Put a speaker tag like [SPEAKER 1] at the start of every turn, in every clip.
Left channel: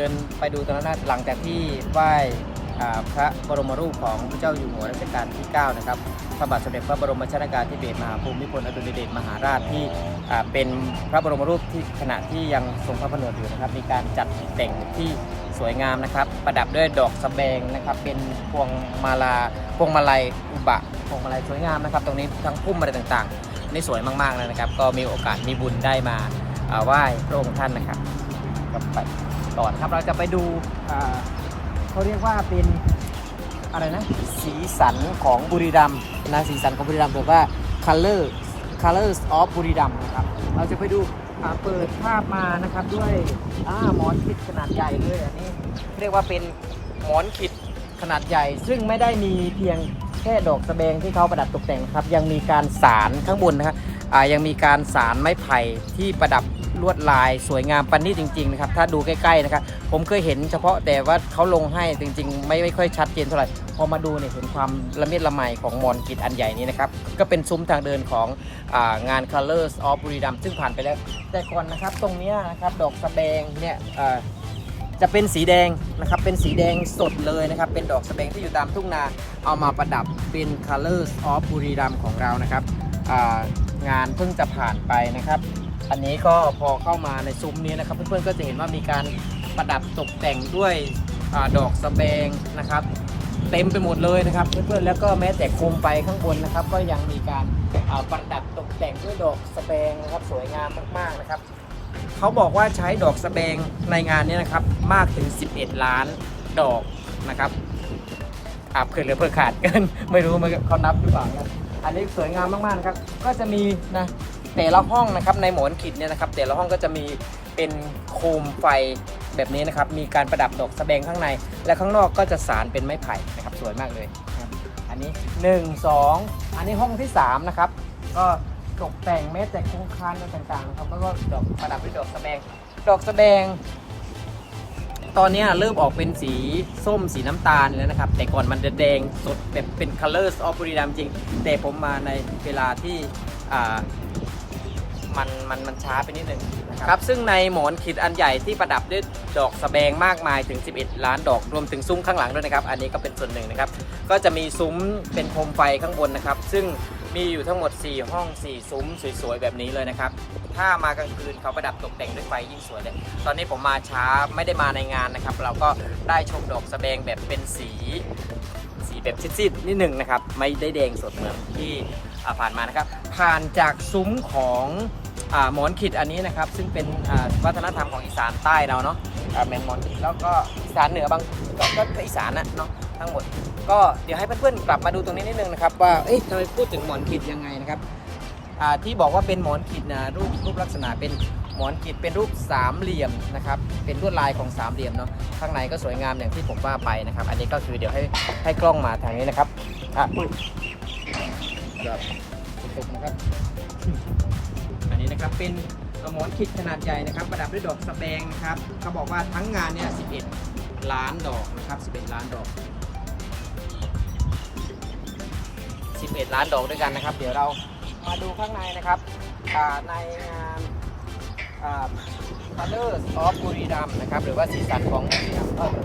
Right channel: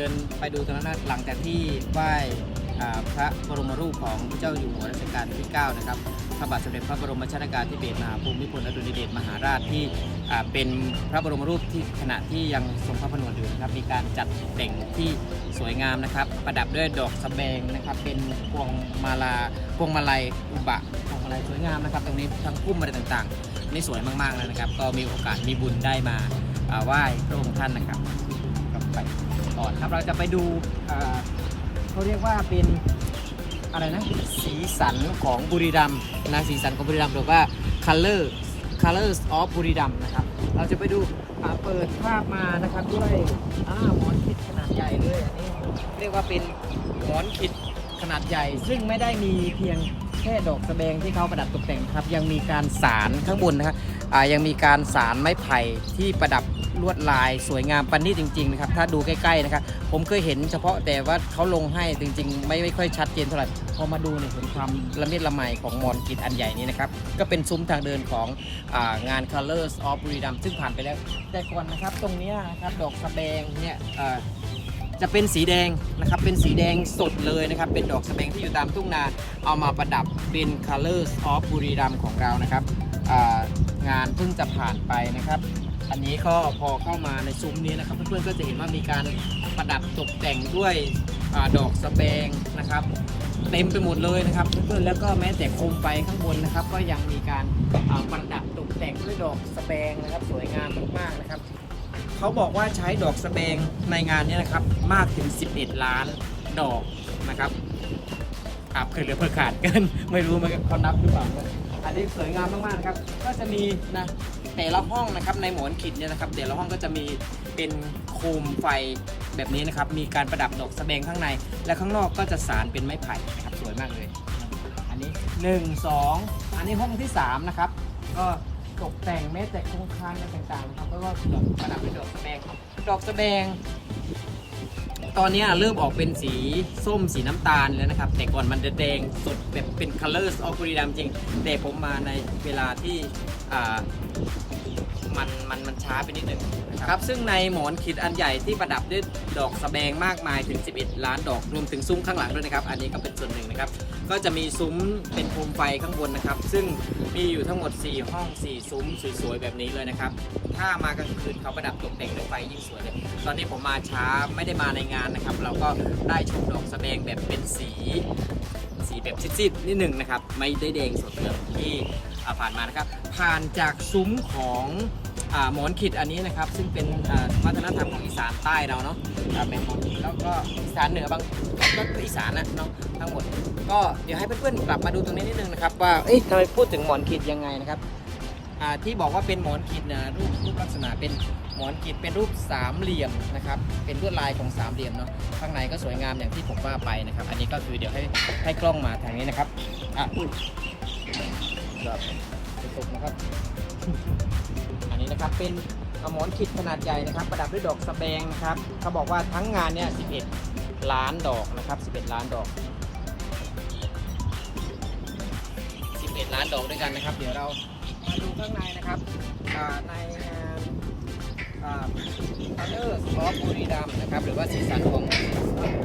[SPEAKER 1] ดินไปดูตรงนั้นนะหลังจากที่ไหว้พระบรมรูปของพระเจ้าอยู่หัวรัชกาลที่ 9 นะครับ พระบาทสมเด็จพระบรมชนากาธิเบศรมหาภูมิพลอดุลยเดชมหาราชที่เป็นพระบรมรูปที่ขณะที่ยังทรงพระผนวดอยู่นะครับ มีการจัดแต่งที่สวยงามนะครับ ประดับด้วยดอกสแบงนะครับ เป็นพวงมาลาพวงมาลัยอุบะพวงมาลัยสวยงามนะครับ ตรงนี้ทั้งพุ่มอะไรต่างๆนนี่สวยมากๆเลยนะครับ ก็มีโอกาสมีบุญได้มาไหว้พระองค์ท่านนะครับกับไป ต่อนะครับเราจะไปดูเขาเรียกว่าเป็นอะไรนะสีสันของบุรีรัมนะสีสันของบุรีรัมหรือว่า color colors of บุรีรัมนะครับเราจะไปดูเปิดภาพมานะครับด้วยอ่าหมอนขิดขนาดใหญ่เลยอันนี้เรียกว่าเป็นหมอนขิดขนาดใหญ่ ซึ่งไม่ได้มีเพียง แค่ดอกสะแบงที่เขาประดับตกแต่งนะครับ ยังมีการสารข้างบนนะครับยังมีการสารไม้ไผ่ที่ประดับลวดลายสวยงามปันนี่จริงๆนะครับถ้าดูใกล้ๆนะครับผมเคยเห็นเฉพาะแต่ว่าเขาลงให้จริง ๆ ไม่ไม่ค่อยชัดเจนเท่าไหร่พอมาดูเนี่ยเห็นความละเมียดละไมของมอนกิจอันใหญ่นี้นะครับก็เป็นซุ้มทางเดินขององาน Colors of บุรีรัมย์ซึ่งผ่านไปแล้ว แต่ก่อนนะครับตรงเนี้ยนะครับดอกสะแบงเนี่ย จะเป็นสีแดงนะครับ เป็นสีแดงสดเลยนะครับ เป็นดอกสะแบงที่อยู่ตามทุ่งนา เอามาประดับเป็น Colors of บุรีรัมของเรานะครับงานเพิ่งจะผ่านไปนะครับ อันนี้ก็พอเข้ามาในซุ้มนี้นะครับ เพื่อนๆก็จะเห็นว่ามีการประดับตกแต่งด้วยอดอกสะแบงนะครับ เต็มไปหมดเลยนะครับ เพื่อนๆแล้วก็แม้แต่โคมไฟข้างบนนะครับ ก็ยังมีการประดับตกแต่งด้วยดอกสะแบงนะครับ สวยงามมากๆนะครับ เขาบอกว่าใช้ดอกสะแบงในงานนี้นะครับมากถึง 11 ล้านดอกนะครับอาบเกินหรือเพื่อขาดกินไม่รู้มันเขานับหรือเปล่านะอันนี้สวยงามมากๆนะครับ ก็จะมีนะแต่ละห้องนะครับในหมอนขิดเนี่ยนะครับ แต่ละห้องก็จะมีเป็นโคมไฟแบบนี้นะครับ มีการประดับดอกสะแบงข้างใน และข้างนอกก็จะสารเป็นไม้ไผ่นะครับ สวยมากเลย อันนี้ 1 2 อันนี้ห้องที่ 3 นะครับ ก็ ตกแต่งแม้แต่โครงคานอะไรต่างๆนะครับแล้วก็ดอกประดับด้วยดอกสแบง ดอกสแบง ตอนนี้เริ่มออกเป็นสีส้มสีน้ำตาลแล้วนะครับ แต่ก่อนมันจะแดงสดแบบเป็น colors of บุรีรัมย์จริง แต่ผมมาในเวลาที่ มันมันมันช้าไปนิดนึงนะครับซึ่งในหมอนขิดอันใหญ่ที่ประดับด้วยดอกสะแบงมากมายถึง 11 ล้านดอกรวมถึงซุ้มข้างหลังด้วยนะครับ อันนี้ก็เป็นส่วนหนึ่งนะครับ ก็จะมีซุ้มเป็นโคมไฟข้างบนนะครับ ซึ่งมีอยู่ทั้งหมด 4 ห้อง 4 ซุ้มสวยๆแบบนี้เลยนะครับ ถ้ามากลางคืนเขาประดับตกแต่งด้วยไฟยิ่งสวยเลย ตอนนี้ผมมาช้าไม่ได้มาในงานนะครับ เราก็ได้ชมดอกสะแบงแบบเป็นสี สีแบบซีดๆนิดหนึ่งนะครับ ไม่ได้แดงสดเหมือนที่อ่าผ่านมานะครับ ผ่านจากซุ้มของ หมอนขิดอันนี้นะครับ ซึ่งเป็นวัฒนธรรมของอีสานใต้เราเนาะแมนหมอนขิดแล้วก็อีสานเหนือบางก็ก็อีสานนะเนาะทั้งหมด ก็เดี๋ยวให้เพื่อนๆกลับมาดูตรงนี้นิดนึงนะครับว่าเอ๊ะทำไมพูดถึงหมอนขิดยังไงนะครับที่บอกว่าเป็นหมอนขิดนะรูปรูปลักษณะเป็นหมอนขิดเป็นรูปสามเหลี่ยมนะครับเป็นลวดลายของสามเหลี่ยมเนาะข้างในก็สวยงามอย่างที่ผมว่าไปนะครับ อันนี้ก็คือเดี๋ยวให้ให้กล้องมาทางนี้นะครับอะครับตกนะครับ นี้นะครับเป็นหมอนขิดขนาดใหญ่นะครับ ประดับด้วยดอกสะแบงครับเขาบอกว่าทั้งงานเนี่ย 11 ล้านดอกนะครับ 11 ล้านดอก 11 ล้านดอกด้วยกันนะครับ เดี๋ยวเรามาดูข้างในนะครับในงานอ่า Colors of บุรีรัมนะครับ หรือว่าสีสันของบุรีรัมก็จะ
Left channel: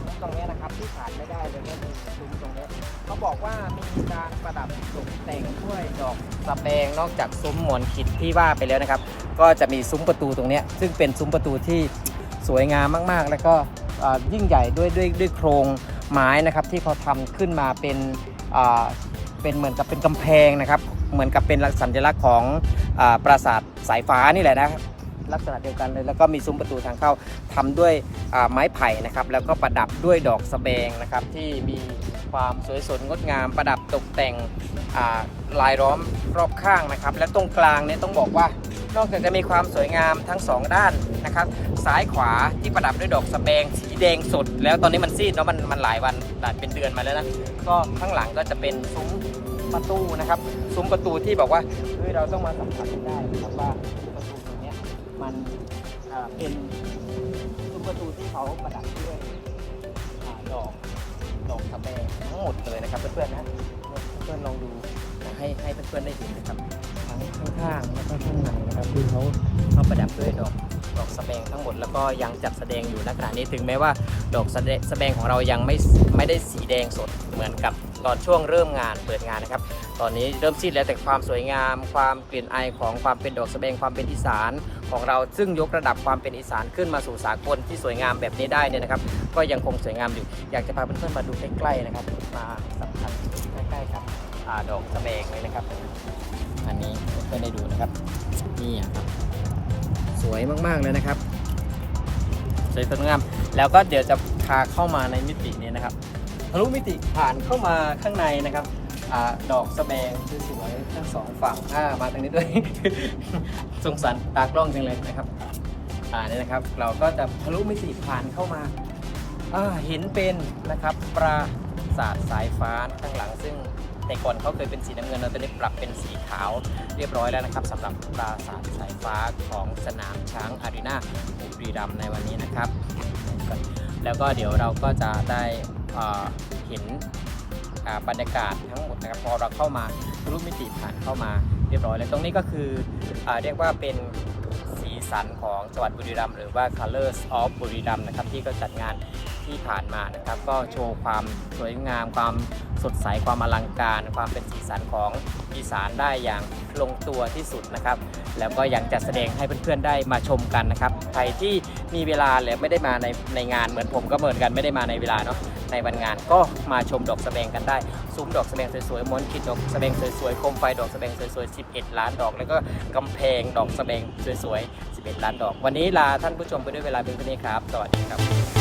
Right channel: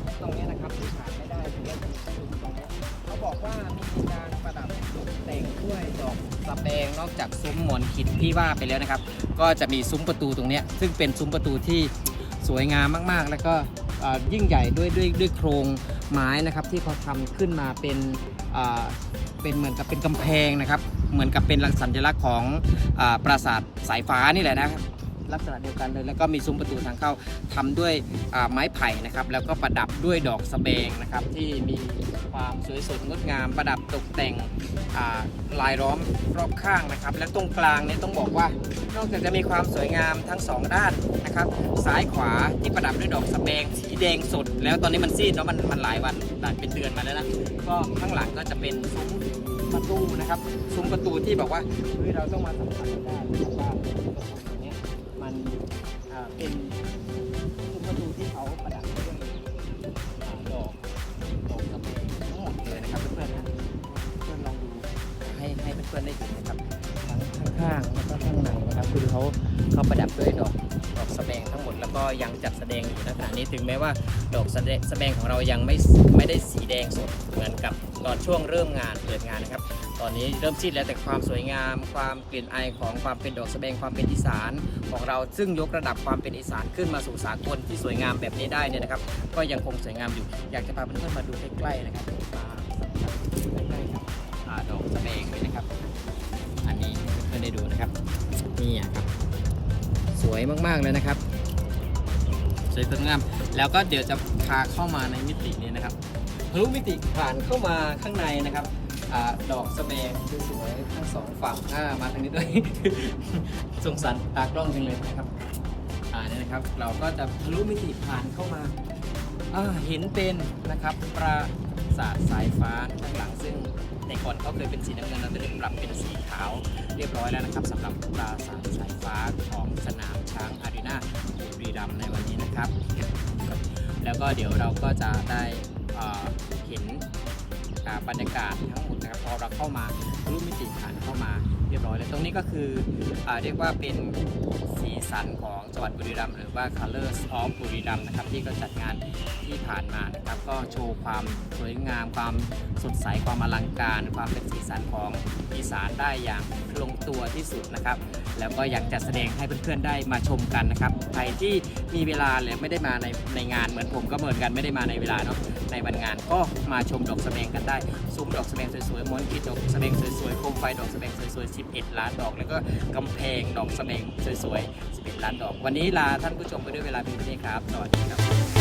[SPEAKER 1] ซุ้มตรงนี้นะครับที่ขาดไม่ได้เลยก็คือซุ้มตรงนี้ เขาบอกว่ามีการประดับตกแต่งด้วยดอกสะแบงนอกจากซุ้มหมอนขิดที่ว่าไปแล้วนะครับ ก็จะมีซุ้มประตูตรงเนี้ยซึ่งเป็นซุ้มประตูที่สวยงามมากๆ แล้วก็เอ่อยิ่งใหญ่ด้วยด้วยด้วยโครงไม้นะครับที่เขาทำขึ้นมาเป็นอ่าเป็นเหมือนกับเป็นกำแพงนะครับ เหมือนกับเป็นสัญลักษณ์ของอปราสาทสายฟ้านี่แหละนะครับ ลักษณะเดียวกันเลย แล้วก็มีซุ้มประตูทางเข้าทำด้วยไม้ไผ่นะครับ แล้วก็ประดับด้วยดอกสะแบงนะครับ ที่มีความสวยสดงดงาม ประดับตกแต่งาลายล้อมรอบข้างนะครับ และตรงกลางเนี่ยต้องบอกว่านอกจากจะมีความสวยงามทั้งสองด้านนะครับ ซ้ายขวาที่ประดับด้วยดอกสะแบงสีแดงสด แล้วตอนนี้มันซีดเนาะมันมันหลายวันหลายเป็นเดือนมาแล้วนะก็ข้างหลังก็จะเป็นซุ้มประตูนะครับ ซุ้มประตูที่บอกว่าเฮ้ยเราต้องมาสัมผัสได้นะครับว่าประตู มันเป็นซุ้มประตูที่เขาประดับด้วยอดอกดอกสะแบงทั้งหมดเลยนะครับเพื่อนๆนะเพื่อนๆลองดูให้ให้เพื่อนๆได้เห็นนะครับทั้งข้างๆแล้วก็ข้างในนะครับคือเขาเขาประดับด้วยดอกดอกสะแบงทั้งหมดแล้วก็ยังจัดแสดงอยู่ณขณะนี้ถึงแม้ว่าดอกสแสะแบงของเรายังไม่ไม่ได้สีแดงสดเหมือนกับ ตอนช่วงเริ่มงานเปิดงานนะครับ ตอนนี้เริ่มซีดแล้วแต่ความสวยงาม ความกลิ่นอายของความเป็นดอกสะแบงความเป็นอีสานของเราซึ่งยกระดับความเป็นอีสานขึ้นมาสู่สากลที่สวยงามแบบนี้ได้เนี่ยนะครับ ก็ยังคงสวยงามอยู่ อยากจะพาเพื่อนๆมาดูใกล้ๆนะครับมาสัมผัสใกล้ๆกับอ่าดอกสะแบงเลยนะครับ อันนี้เพื่อนๆได้ดูนะครับนี่ครับ สวยมากๆเลยนะครับสวยสดงามแล้วก็เดี๋ยวจะพาเข้ามาในมิตินี้นะครับ ทะลุมิติผ่านเข้ามาข้างในนะครับอดอกสะแบงสวยๆทั้งสองฝั่งอ่ามาทางนี้ด้วย สงสารตากล้องจังเลยนะครับอ่าเนี่ยนะครับ เราก็จะทะลุมิติผ่านเข้ามาเห็นเป็นนะครับปราสาทสายฟ้าข้างหลังซึ่งแต่ก่อนเขาเคยเป็นสีน้ำเงินเราตอนนี้ปรับเป็นสีขาวเรียบร้อยแล้วนะครับสำหรับปราสาทสายฟ้าของสนามช้างอารีนาบุรีรัมย์ในวันนี้นะครับ แล้วก็เดี๋ยวเราก็จะได้ เห็นบรรยากาศทั้งหมดนะครับพอเราเข้ามาทะลุมิติผ่านเข้ามาเรียบร้อยแล้วตรงนี้ก็คืออเรียกว่าเป็นสีสันของจังหวัดบุรีรัมย์หรือว่า Colors of บุรีรัมย์นะครับที่ก็จัดงานที่ผ่านมานะครับ ก็โชว์ความสวยงามความสดใสความอลังการ ความเป็นสีสันของอีสานได้อย่างลงตัวที่สุดนะครับ แล้วก็ยังจัดแสดงให้เพื่อนๆได้มาชมกันนะครับใครที่มีเวลาหรือไม่ได้มาในในงานเหมือนผมก็เหมือนกันไม่ได้มาในเวลาเนาะ ในวันงานก็มาชมดอกสะแบงกันได้ ซุ้มดอกสะแบงสวยๆม้วนคิดดอกสะแบงสวยๆโคมไฟดอกสะแบงสวยๆ 11 ล้านดอก แล้วก็กำแพงดอกสะแบงสวยๆ 11 ล้านดอก วันนี้ลาท่านผู้ชมไปด้วยเวลาเป็นเท่านี้ครับ สวัสดีครับ